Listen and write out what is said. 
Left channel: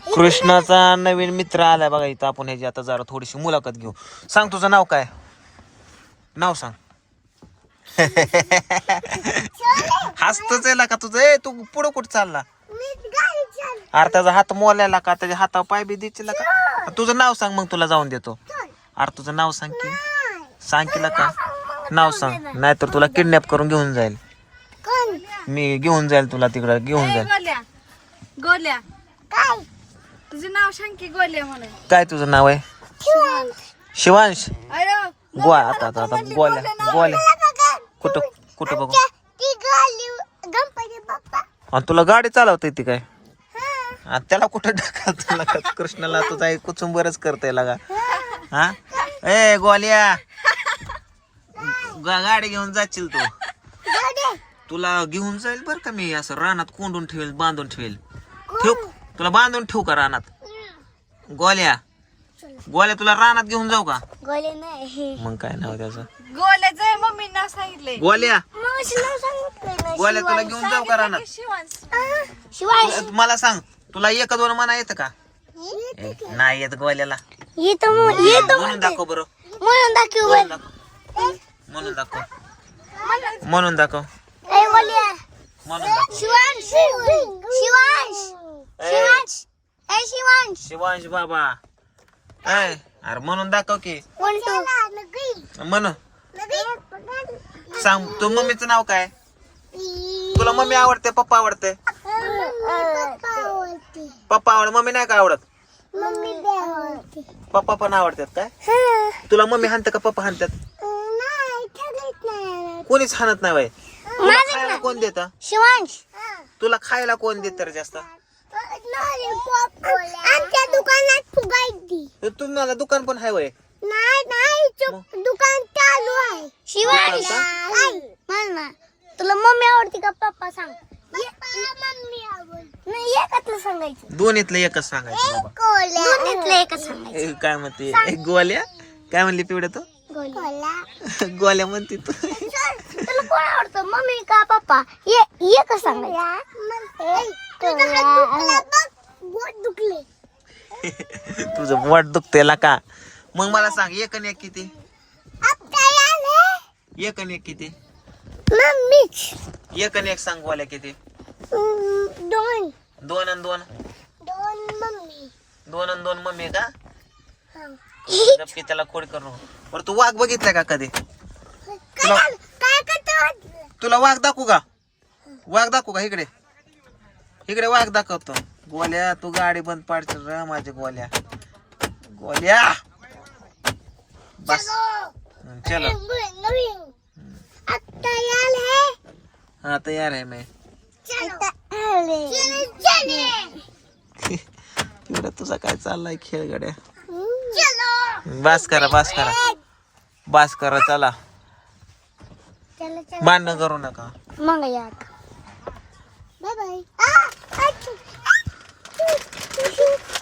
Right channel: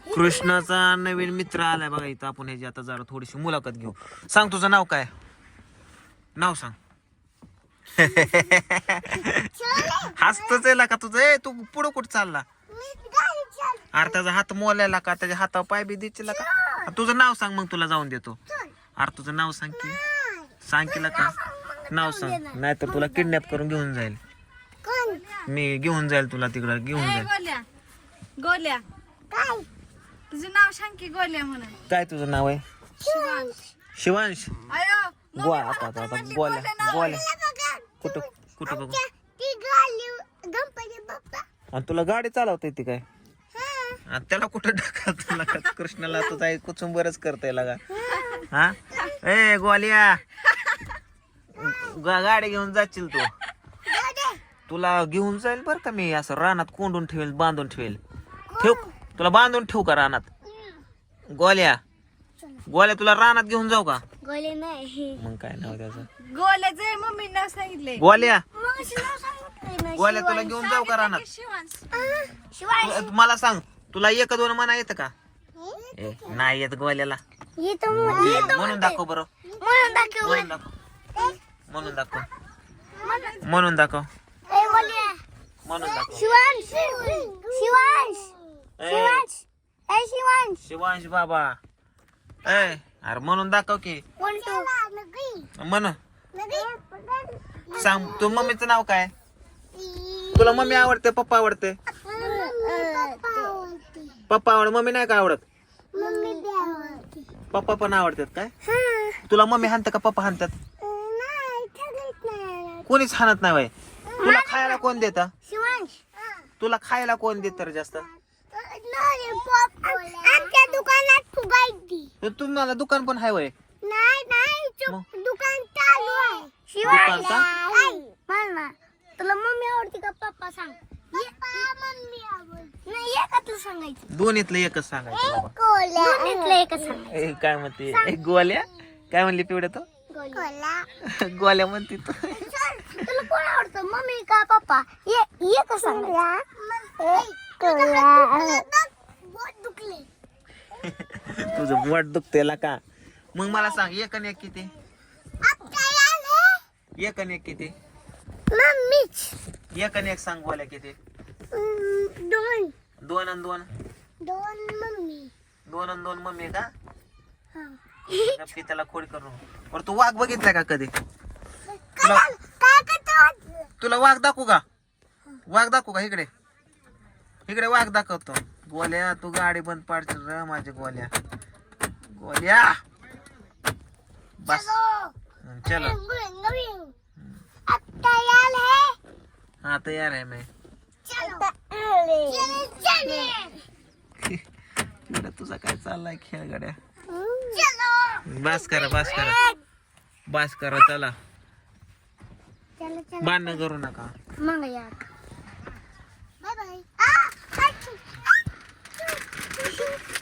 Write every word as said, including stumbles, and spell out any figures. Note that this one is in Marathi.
कृष्णाचा नवीन मित्र आलाय बघा इथं. आपण ह्याची आता जरा थोडीशी मुलाखत घेऊ. सांग तुझं नाव काय? नाव सांग. हसतच आहे का तुझं? ए तू पुढं कुठं चालला? अरे त्याचा हात मोलायला का? त्याच्या हातावर पाय बी द्यायची का? तुझं नाव सांग मग तुला जाऊन देतो. अरे तुझं नाव सांग की. सांग की का नाव सांग, नाहीतर तुला किडनॅप करून घेऊन जाईल. मी घेऊन जाईल तुला तिकडं घेऊन जाईल. गोल्या गोल्या काय तुझं नाव सांग की? गोल्या म्हणून. काय तुझं नाव आहे? शिवांश. अयो गोवा आता आता आता गोल्या गोल्या कुठं कुठं बघू. आणि तुला गाडी चालवता येते काय? आणि त्याला कुठं ढकलत तुला का? कृष्णाला तुझा एक कुचुंबरच करता येईल का? हा ए गोल्या गा- गाडी घेऊन जाशील तू. तुला घेऊन जाईल बर का मी. असं रानात कोंडून ठेवेल, बांधून ठेवेल. ठेव तुला बांधून ठेवू का रानात? गोल्या गोल्या तुला रानात घेऊन जाऊ का? मग काय नाव त्याचं? गोल्याचं मम्मी नाव सांगितले. गोल्या गोल्या तुला घेऊन जाऊ का रानात? शिवांश मला सांग तुला एक दोन म्हणा येतं का? ए, नाही येत गोल्याला. म्हणून दाखव बरं. म्हणून दाखव म्हणून दाखव म्हणून दाखव म्हणून दाखव. शिवांश बाबा ए अरे म्हणून दाखव की. म्हण सांग तू मम्मीचं नाव काय? तुला मम्मी आवडते पप्पा आवडते? पप्पा आवड मम्मी नाही का आवडत? पप्पा पण आवडतात काय? तुला मम्मी हाणते का पप्पा हाणतात? कोणीच हाणत नाही बाई. तुला खायला कोण देत? शिवांश तुला खायला कोण देत तर जास्त? आमच्या दुकानात फुगायची. तुम्हाला दुकान पण आहे वय? नाही नाही दुकान चालू आहे. शिवांश मला तुला मम्मी आवडते का पप्पा सांग? मम्मी आवडते. नाही एकच सांगायचं. दोन्हीतलं एकच सांगायचं बाबा. दोन्हीतलं एकच सांगायचं. ए, काय म्हणते ए, गोल्या काय म्हणली पिवड्या तू? गोल्या म्हणते तू. तुला कोण आवडतं मम्मी का पप्पा? एकच सांगायचं. तुझं बोट दुखतेला का? मग मला सांग एक आणि एक किती? एक आणि एक किती? एक आणि एक सांग गोल्या किती? दोन दोन आणि दोन? दोन मम्मी. दोन आणि दोन मम्मी का? नक्की त्याला खोड करू. बरं तू वाघ बघितलाय का कधी? तुला काय करतो? तुला वाघ दाखवू का? वाघ दाखवू का? इकडे इकडे वाघ दाखवतो. गोल्या तू गाडी बंद पाडशील रे माझी गोल्या. गोल्या बस चलो. हाँ तैयार है मैं. तिकडे तुझा काय चाललाय खेळ गड्या? बस करा बस करा बस करा चला. भांडण करू नका. मग यार बाय बाय.